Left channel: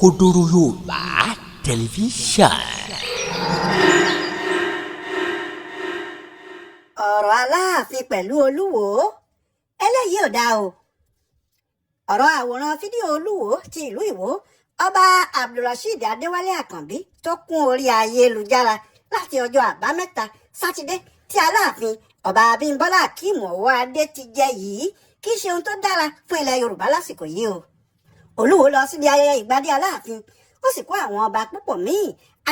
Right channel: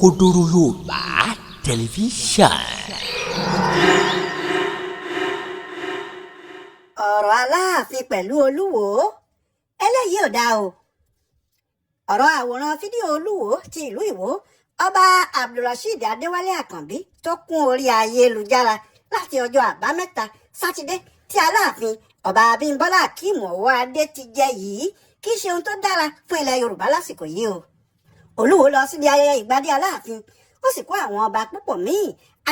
Kodoro Yorùbá tẹlifíṣàn. ọ̀rọ̀ Aláàfin pẹ̀lú Olúwo eléyìí ò dáa o. ọ̀rọ̀ àwòrán fídíò Olúwo ti ìlú Ìwó ọba Abdulrasheed Adéwálé Àkànbí tó kún orí ayélujára láti ọjọ́ àbámẹ́ta sátidé tí Aláàfin ọba Abímbọ́lá Akeem Ọwọ́ Adé ti jẹ yìí kì í ṣe ohun tó dára fún ilẹ̀ Yorùbá lásìkò yìí o. Olúwo lọ síbi ayẹyẹ ìgbadé Aláàfin ó sì kó àwọn ọba púpọ̀ míì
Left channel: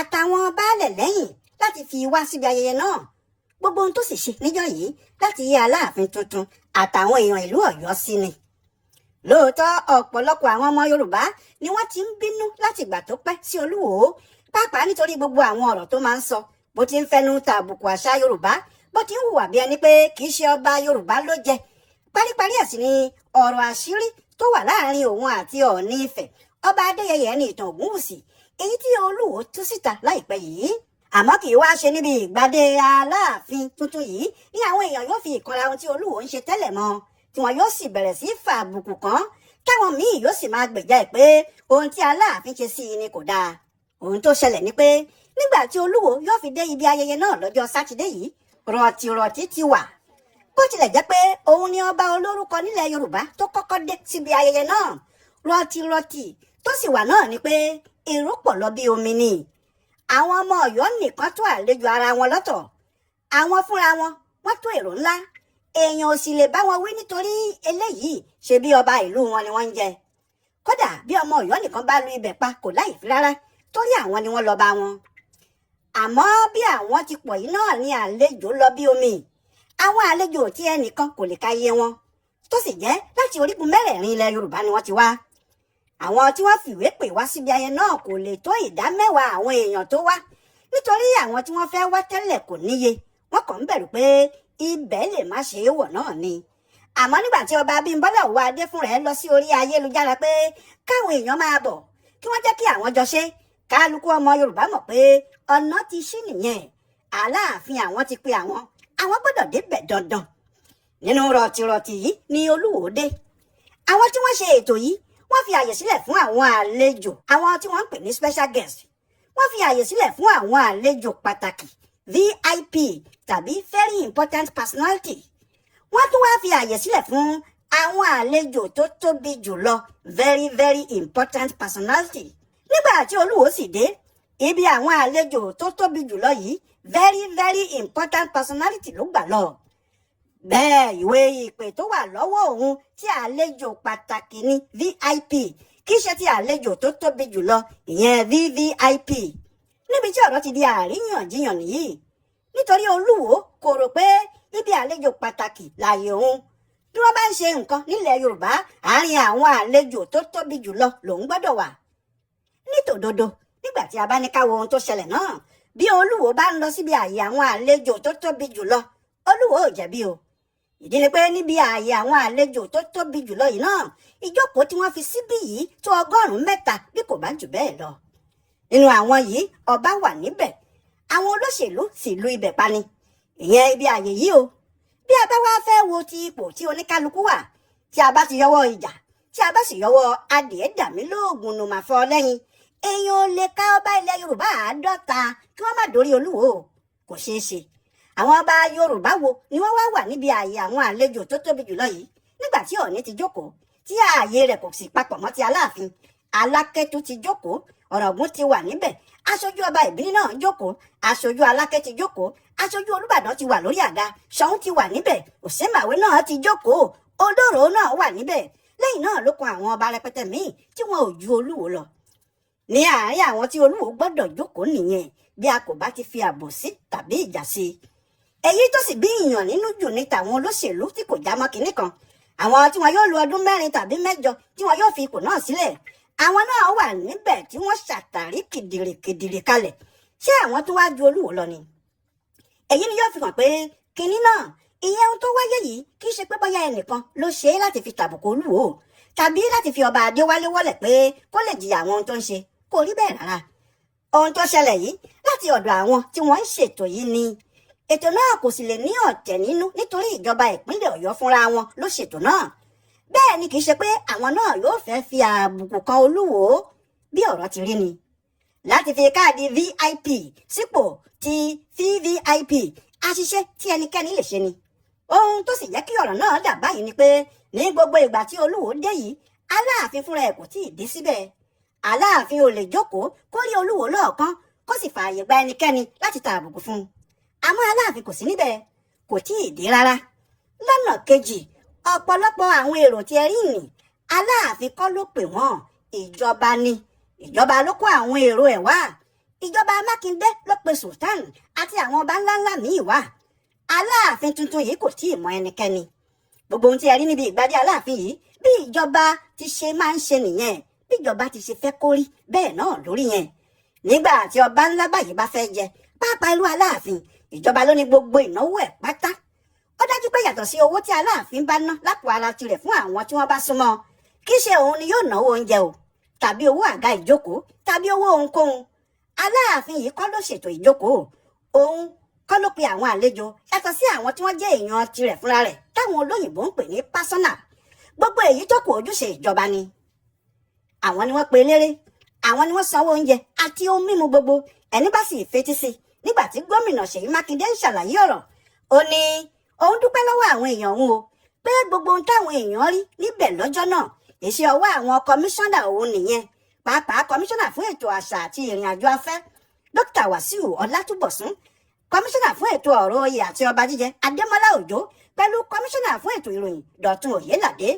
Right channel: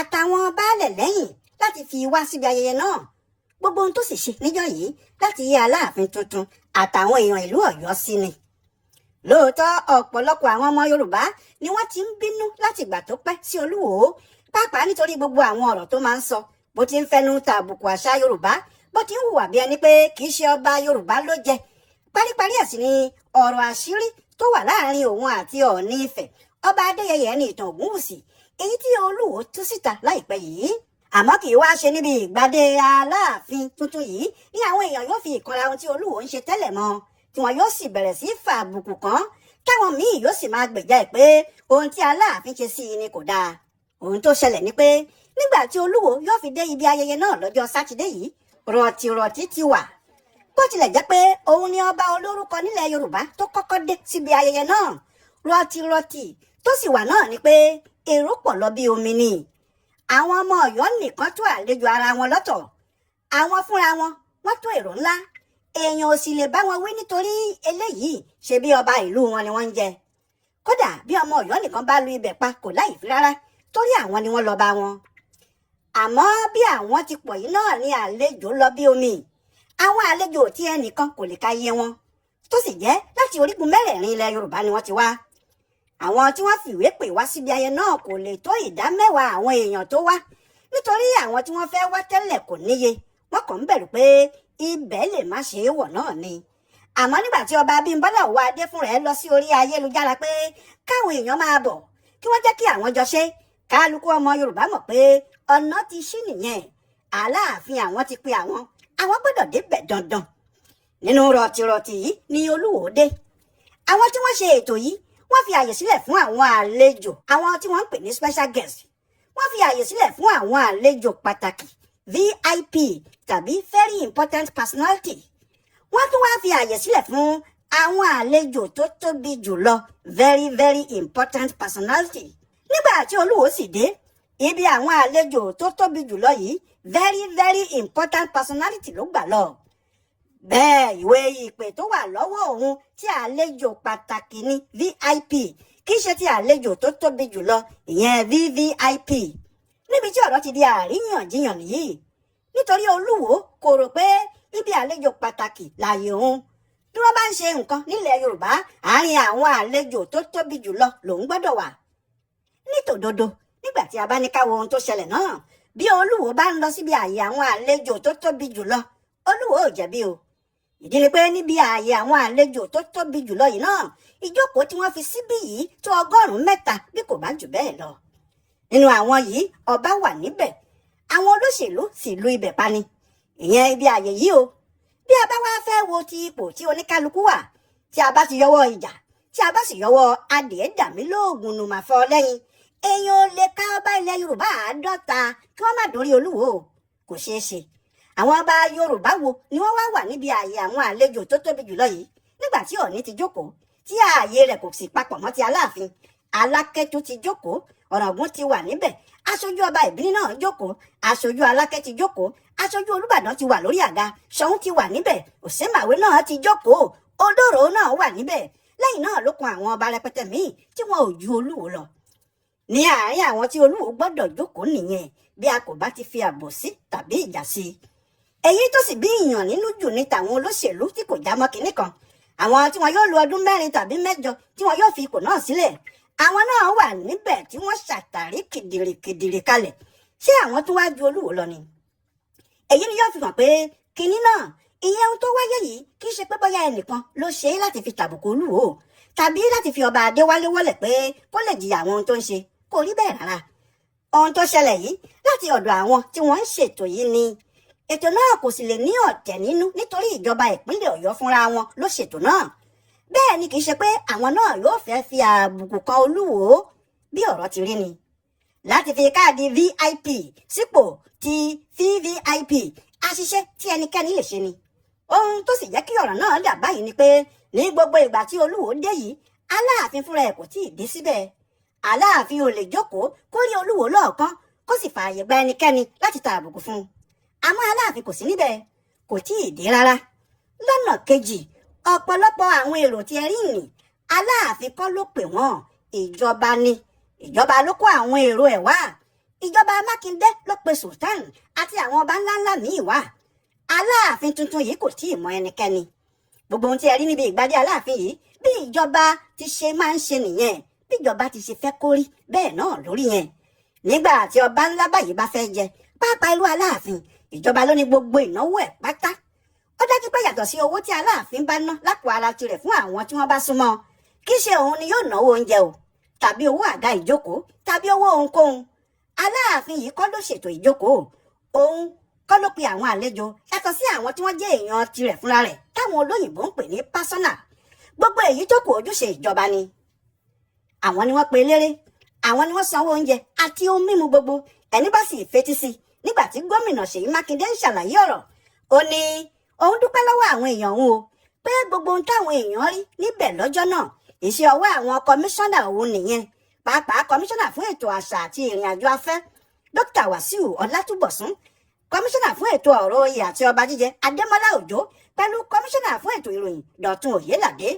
àtàwọn baálẹ̀ lẹ́yìn láti fi wá síbi ayẹyẹ náà. Gbogbo ohun tó sì ṣe níjọ́ yìí láti yí Aláàfin tuntun àtàwọn èèyàn ìlú Ọ̀yọ́ sí ni. Lóòótọ́ ọ̀pọ̀lọpọ̀ àwọn ọmọ Yorùbá ni wọ́n ti ń bínú láti ìgbà tó pẹ́ sí Olúwo pàápàá nítorí gbogbo àwọn ọ̀rọ̀ tó máa ń sọ bó ti ń fẹnu ta àbùkù àṣà Yorùbá bó ti ń hùwà bí ẹni pé kì í ṣe ọba Yorùbá ló jẹ. Paríparí ẹ̀ sì ni ọ̀rọ̀ àṣírí tó wà láàrin òun àti Ọọ̀ni Ifẹ̀ ọba Adéyẹyè ní ìtàn Ògúnwùsì èyí tí Olúwo tú síta láìpẹ́ yìí. Àmọ́ kì í wá ṣe níbi ìgbadé Aláàfin tuntun yìí ní àwọn èèyàn yóò fi ìkanra ohun tí Olúwo ń ṣe tẹ́lẹ̀ mọ́ tí wọn yóò sì bẹ̀rẹ̀ sí fa àbùkù kan táwọn míì yóò sì máa gbèjà ẹ̀ pé ohun tí Aláàfin ṣe sí i ni kò dáa. Ohun tó ṣẹlẹ̀ ni pé nígbà tí Olúwo yóò fi dé ibi ayẹyẹ náà lọ́jọ́ sátidé yìí rọ̀tìrọ̀tì ti wà. Bó tilẹ̀ jẹ́ pé òun ni ọba olórúkọ nílẹ̀ Yorùbá tó kọ́kọ́ dé síbi ayẹyẹ náà rọ̀tìrọ̀tì tó sì wà náà ni pé èrò pọ̀ lọ bí omi ni. Àwọn ọmọ Ọ̀yọ́ nìkan tó àlejò ara wọn lọ́tọ̀ àwọn fúnra wọn wọ́n tó èrò ńlá èèyàn ò sì lè bá wọn wí nítorí eléyìí ṣe bí ọba ìlú wọn ni wọ́n ń jẹ. Kódà bí ọmọ Ọ̀yọ́ nìkan bá lu ibẹ̀ pa kò láìfí rárá torí àwọn ni wọ́n lọ bá wọn. Àmọ́ bí àwọn ti pọ̀ yìí náà ni àlejò lọ bí omi. Àwọn àlejò tí ẹnìkan kò lè káyé wọn tó sì jẹ́ láti orígun mẹ́rẹ̀ẹ̀rin ilẹ̀ Yorùbá ni wọ́n ti wá. Àwọn tí wọ́n fìwé pè wá síbi ayẹyẹ náà kò lè tó ìdá mẹ́wàá àwọn èèyàn tó wá nítorí àwọn tí wọ́n fẹ́ wá tẹ́lẹ̀ kò níye wọ́n kàn ń bẹ̀rù pé ibẹ̀ lè má ṣe é wọ̀ náà ni. Àmọ́ nígbà tí ọba Abímbọ́lá Ọwọ́ Adé fúnra ẹ̀ lọ sí orí ayélujára pé káwọn èèyàn máa bọ̀ kí wọ́n jẹ́ kí àwọn jọ ṣe kálukú ọmọ Yorùbá mọ̀ pé ọ̀nà ti ṣí nìyẹn. Aláàfin àwọn ti pe àwọn gbọ́dọ̀ débẹ̀ dandan. Nínú rọ̀tìrọ̀tì yìí ni Olúwo dé. Àwọn tí wọ́n ṣe ètò yìí wọ́n fi àyè sílẹ̀ fún àwọn àlejò àwọn tí wọ́n ń pè ní special guest. Wọ́n fi àyè sílẹ̀ fún àwọn àlejò pàtàkì VIP tàbí very important personality. Wọ́n tún wá fi àyè sílẹ̀ fún àwọn àlejò tó tóbi jùlọ very very important personality. Nígbà tí Olúwo sì dé ibi àwọn àlejò tó tóbi jùlọ yìí very very important personality ló gbà lọ. Bẹ́ẹ̀ ìwé ìpè tó wà lọ́wọ́ òun tí àlejò pàtàkì ní VIP kì í ṣe ti àlejò tó tóbi jùlọ ìyẹn VVIP. Níbi tí ọ̀rọ̀ ti di àríyànjiyàn yìí nítorí Olúwo kò rò pé ibi àlejò pàtàkì láàyè òun. Bí wọ́n bá ń ṣe nǹkan nílẹ̀ Yorùbá àárín àwọn àlejò tó tóbi jùlọ lòun gbọ́dọ̀ wà. Nítòdodo nígbà tí a bá ní ká wo ohun tó ṣẹlẹ̀ náà bí Olúwo bá ń lọ síbi ààyè àwọn àlejò tó tóbi jùlọ Olúwo ò jẹ̀bi o. Ìdí ni pé níbi ààyè àwọn àlejò tó tóbi jùlọ yìí náà ìjókòó tí wọ́n fi síbí yìí tó 100 bí kò bá jù bẹ́ẹ̀ lọ. Nínú àwọn yìí ọba wà níbẹ̀ àwọn olóṣèlú sì lu ibẹ̀ pani ìyẹn ibi ààyè yìí o. Bí a bá wá fẹ́ wo ti ipò tí oníkálukú wà tí a bá ti yọwọ́ ìjà tí a bá sì yọwọ́ adìẹ dàmí lóògùn nù mà fọ́ lẹ́yìn èèyàn ò lè ká ọba ilẹ̀ Yorùbá 50 kí wọ́n má dórí Olúwo kò ṣeé ṣe. Àwọn ọba Yorùbá wo ni wọ́n wá wà níbi ààyè àwọn àlejò tó tóbi jùlọ yìí nígbà tí Ọọ̀ni ti jókòó tí ààyè rẹ̀ kò sì papọ̀ mọ́ ti Aláàfin. Alákẹ́tù ti jókòó Ọ̀ràngún ti wà níbẹ̀ aṣojú ọba Ìbíní náà jókòó aṣojú Alákẹ́ ti jókòó aṣojú Olúbàdàn ti wà lórí àga Ṣọ̀ún ti wà níbẹ̀ Òsèmàwé náà ti jókòó Olóró náà wà níbẹ̀ lẹ́yìn náà ló kan àwọn ọba rẹpẹtẹ míì tí wọn ò ju Olúwo lọ. Ní àárín àwọn tí Olúwo gbọ́dọ̀ jókòó nìyẹn bí a kò bá ti fi àbòsí tàbí ìjà sí i. Èyí tó sì bí ìyàn nínú jù ní tàwọn olóṣèlú tí kò já mọ́ kinní kan àwọn tí wọn yóò lo ọdún 4 tàbí 8 tí wọn yóò fi ipò náà sílẹ̀ àwọn náà wà níbẹ̀ tí wọ́n ṣàtàrí kìdìrì kalẹ̀ ṣé àwọn tó wá ju Olúwo lọ ni. Èyí ni yóò fi hàn pé kinní náà ìyẹn ohun tó wáyé yìí kì í ṣe pé bóyá ẹnìkan ló ṣe é láti fi tàbùkù Olúwo tàbí láti fi ọba Adéwálé wọ́lẹ̀ pé kó lè jìyà àwọn ohun tó ń ṣe kò rí bẹ́ẹ̀ rárá. Ohun tó ṣẹlẹ̀ yìí láti ọ̀dọ̀ àwọn tí wọ́n ń ṣètò yìí ni. Ètò náà kò sì lè ní ọ̀tẹ̀ nínú nítorí ìjọba ìpínlẹ̀ Ọ̀yọ́ fúnra wọn ló ṣètò náà. Bẹ́ẹ̀ ni kì í ṣe pé àwọn náà yóò fẹ́ fi àbùkù kan Olúwo bí ọ̀rọ̀ ti rí ni láti fi káàdì VIP sípò ti VVIP àṣìṣe tí ẹnikẹ́ni lè ṣe ni ohun tó sì jẹ́ kí ọ̀rọ̀ náà dà báyìí ni pé ní gbogbo ìgbà tí Olúwo dé yìí Aláàfin fúnra ẹ̀ kò tíì dé síbẹ̀ Aláàfin ò lè jókòó kó rí Olúwo lọ́ọ̀kan kó sì fààyè gba ẹnikẹ́ni láti ta àbùkù fún un àmọ́ Aláàfin kò sí níbẹ̀ kò tíì dé rárá lọ́nà kejì ọ̀pọ̀lọpọ̀ àwọn èrò tí ẹ rí nì Aláàfin kọ́ ló pè wọ́n ìjọba ni ìjọba ló kó àwọn èrò ẹ̀ wá ìjọba Mákindé ló pe Sultan àti àwọn ọba ńláńlá míì wá Aláàfin tuntun yìí kò tíì mọ ẹnikẹ́ni gbogbo ohun tí ẹ rí níbi ìgbádé Aláàfin yìí bí ìjọba ti ṣe máa ń ṣe nìyẹn bí ìjọba ti ṣe fẹ́ kó rí bẹ́ẹ̀ náà lórí yẹn nígbà tí ọba ńlá báyìí bá fẹ́ jẹ pàápàá ìlú Aláàfin ìjọba ló ní gbogbo ìnáwó ẹ̀ pátá ó dájú pé yàtọ̀ sí owó tí Aláàfin bá ná lápò ara tirẹ̀ fún àwọn tí wọ́n bá súnmọ́ kì í ṣe òun ni yóò náwó oúnjẹ o tàbí owó àga ìjókòó tàbí owó ohunkóhun Aláàfin yìí kọ́ ló ṣètò ìjókòó òun kọ́ ló pe àwọn àlejò yàtọ̀ sí àwọn tí wọ́n jẹ́ èèyàn tirẹ̀ fúnra rẹ̀ táwọn olóyìnbó ń pè ní pásọ́nà gbogbo èyí tó kù ojúṣe ìjọba ni àwọn ni wọ́n pe eléré àwọn ni wọ́n sanwó oúnjẹ àti ohun mímu gbogbo ẹni bá sì fetí sí nígbà tí gómìnà Ṣèyí Mákindé ń ṣàlàyé ọ̀rọ̀ ó ní òun dúpẹ́ lọ́wọ́ àwọn èèyàn òun o pé gbogbo ohun táwọn èèyàn rí níbẹ̀ lọ́jọ́ náà iṣẹ́ ọwọ́ àwọn kọmíṣánná òun nìyẹn pàápàá kọmíṣánná fún ètò àṣà àti ìrìn àjò afẹ́ Dókítà Wàsíù Ọlátúbọ̀sún kọmíṣánná fún ètò ọ̀rọ̀ oyè àti ọba jíjẹ Adémọ́lá Òjó pẹ̀lú kọmíṣánná fún ètò ìròyìn Dọ̀tun Òyélàdé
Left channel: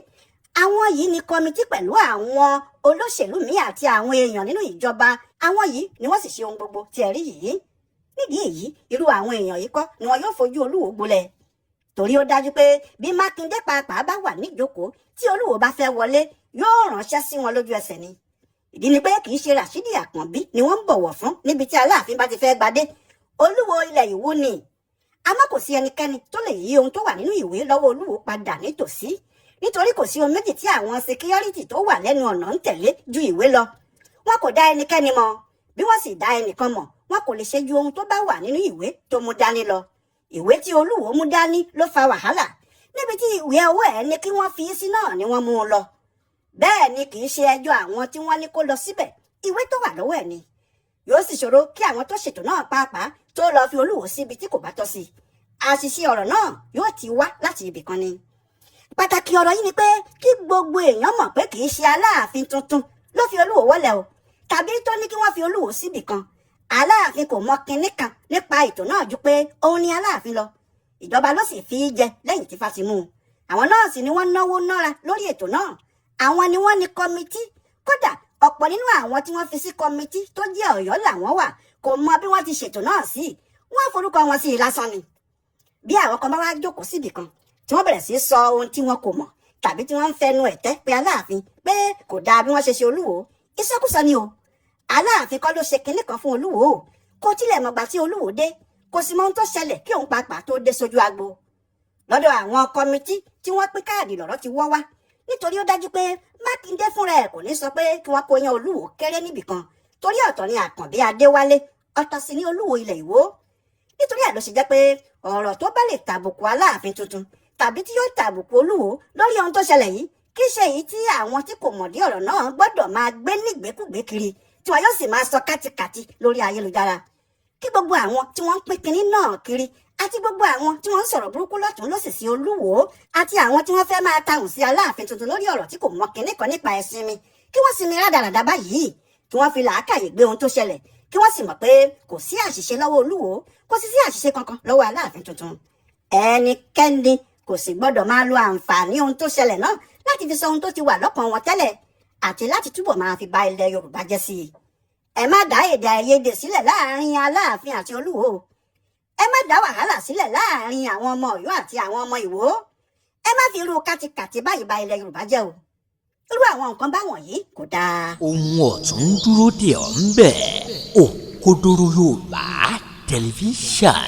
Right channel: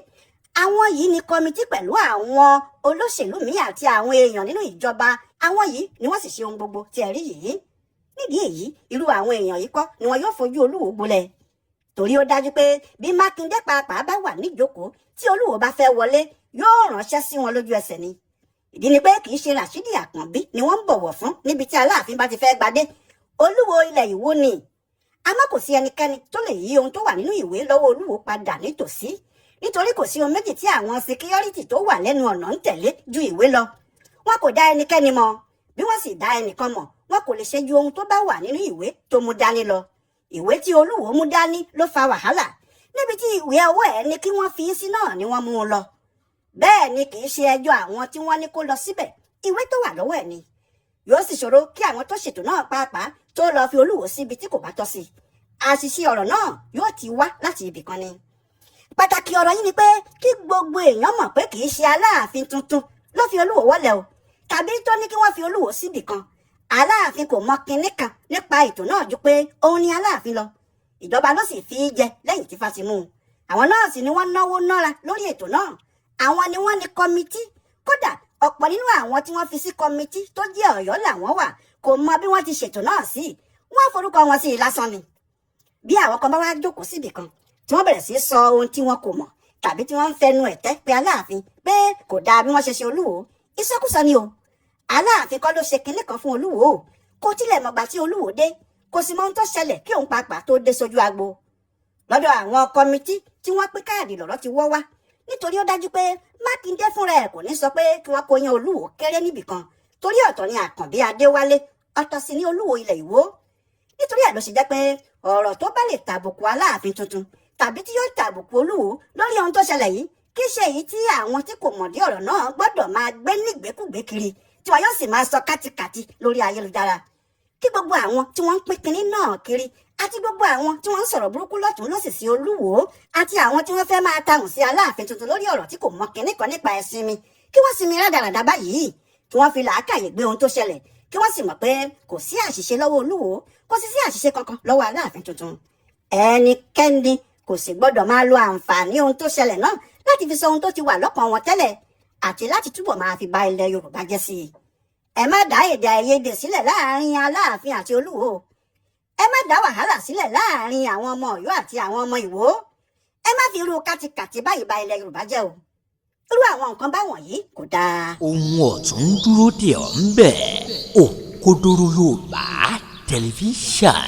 àwọn yìí ni kọmitì pẹ̀lú àwọn olóṣèlú míì àti àwọn èèyàn nínú ìjọba àwọn yìí ni wọ́n sì ṣe ohun gbogbo tí ẹ rí yìí nídìí èyí irú àwọn èèyàn yìí kọ́ ni wọn yóò fojú Olúwo gbolẹ̀ torí ó dájú pé bí Mákindé pàápàá bá wà níjókòó tí Olúwo bá fẹ́ wọlé yóò ránṣẹ́ sí wọn lójú ẹsẹ̀ ni ìdí ni pé kì í ṣe Ràṣídì Àkànbí ni wọ́n ń bọ̀wọ̀ fún níbi tí Aláàfin bá ti fẹ́ gbadé Olúwo ilẹ̀ Ìwó ni àmọ́ kò sí ẹnikẹ́ni tó lè yí ohun tó wà nínú ìwé lọ́wọ́ Olúwo padà nítòsí nítorí kò sí ohun méjì tí àwọn síkírọ́rìtì tó wà lẹ́nu ọ̀nà ń tẹ̀lé ju ìwé lọ wọn kò dá ẹnikẹ́ni mọ̀ bí wọ́n sì dá ẹnìkan mọ̀ wọn kò lè ṣe ju ohun tó bá wà nínú ìwé tó mú dání lọ ìwé tí Olúwo mú dání ló fa wàhálà níbi tí ìwé ọwọ́ ẹ̀ ní kí wọ́n fi sí náà ni wọ́n mú un lọ bẹ́ẹ̀ ni kì í ṣe ẹjọ́ àwọn tí wọ́n ní kó lọ síbẹ̀ ìwé tó wà lọ́wọ́ ẹ̀ ni yóò sì ṣòro kí àwọn tó ṣètò náà pàápàá tó lọ fi Olúwo síbi tí kò bá tọ́ sí àṣìṣe ọ̀rọ̀ náà yóò ti wá láti ibì kan ni pàtàkì ọ̀rọ̀ yìí ni pé kí gbogbo èèyàn mọ̀ pé kì í ṣe Aláàfin tuntun ló fi Olúwo wọlé o tàbí tó ní kí wọ́n fi Olúwo síbì kan Aláàfin kò mọ kinní kan nípa ètò náà ju pé òun ni Aláàfin lọ ìjọba ló sì fi í jẹ lẹ́yìn tí Fáti mú un àwọn náà sì ni wọ́n náwó nára lórí ètò náà àwọn ni wọ́n ní kọmitì kódà ọ̀pọ̀ nínú àwọn tí wọ́n fi sí kọmitì tó jẹ́ Ọ̀yọ́ làwọn wà kò mọ bí wọ́n ti ṣètò náà sí wọ́n forúkọ wọn sí i lásán ni bí àwọn kan bá wá jókòó síbì kan tí wọ́n bẹ̀rẹ̀ sí sọ ohun tí wọn kò mọ̀ tàbí tí wọ́n ń fẹnu ẹ̀tẹ́ pé Aláàfin pé kò dáa bí wọ́n ṣe Olúwo ìsọkúsọ ni o Aláàfin kọ́ ló ṣe kinní kan fún Olúwo kò tilẹ̀ mọ̀gbà tí Olúwo dé kò sì mọ ohun tó ṣẹlẹ̀ kí òun pàápàá tó dé sójú agbo lọ́dọ̀ àwọn kọmitì tí wọ́n pín káàdì lọ́rọ̀ ti wọ́ wá nítorí ó dájú pé Mákindé fúnra ẹ̀ kò ní sọ pé kí wọ́n kó yan Olúwo kéré níbìkan torí ọ̀tọ̀ ni Àkànbí Adéwálé ọ̀tọ̀ sì ni Olúwo ilẹ̀ Ìwó nítorí ẹ̀ ló ṣe jẹ́ pé ọ̀rọ̀ tó bá lè tàbùkù Aláàfin tuntun tàbí tí yóò tàbùkù Olúwo lórí ohun tó ṣẹlẹ̀ yìí kì í ṣe èyí tí àwọn tí kò mọ̀dí ọ̀rọ̀ náà gbọ́dọ̀ máa gbé nígbèkúgbé kiri tí wọn yóò sì máa sọ kátikàti lórí ayélujára kí gbogbo àwọn tí wọ́n ń pín kinní náà kiri àti gbogbo àwọn tí wọ́n ń sọ̀rọ̀ burúkú lọ́tún lọ́sì sí Olúwo àti àwọn tí wọ́n fẹ́ máa tahùn sí Aláàfin tuntun lórí ọ̀rọ̀ tí kò mọ kinní kan nípa ẹ̀sìn mi kí wọ́n sinmi rádaràdà báyìí kí wọ́n fi làákàyè gbé ohun tó ṣẹlẹ̀ kí wọ́n sì mọ̀ pé kò sí àṣìṣe lọ́wọ́ Olúwo kò sì sí àṣìṣe kankan lọ́wọ́ Aláàfin tuntun ẹnikẹ́ni kò sì gbọ́dọ̀ máa lo àǹfààní ohun tó ṣẹlẹ̀ náà láti fi sọ ohun tó ti wà lọ́kàn wọn tẹ́lẹ̀ àti láti túbọ̀ máa fi ba ilẹ̀ Yorùbá jẹ́ sí i ẹ má dá èdè àìyedè sílẹ̀ láàrin Aláàfin àti Olúwo ẹ má dá wàhálà sílẹ̀ láàrin àwọn ọmọ Ọ̀yọ́ àti àwọn ọmọ Ìwó ẹ má fi irú kátikàti báyìí ba ilẹ̀ Yorùbá jẹ́ o irú àwọn nǹkan báwọn yìí kò dáa. ohun ọ̀tún dúró dè ọ́ ń bẹ̀ Òkodoro Yorùbá tẹlifíṣàn.